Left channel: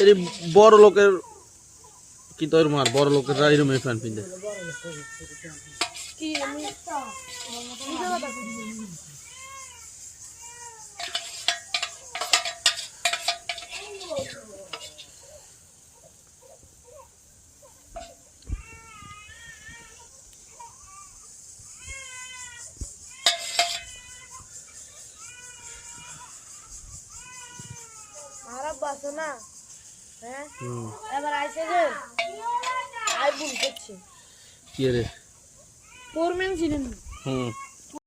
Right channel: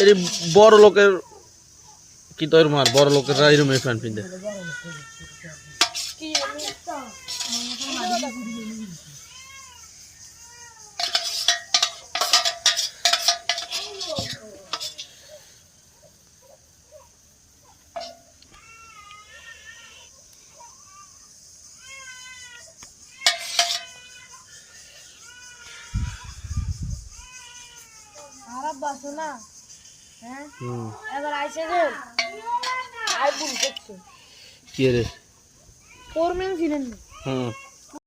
এই বড় লোকের কি তোর মার বড় লোকেরা এরকম প্যান্ট পিনতে খারাপ বাসো না হ্যাঁ এবার আইছে গো আই বুল করছে কি রে ফোরম্যান ছিলেন হুম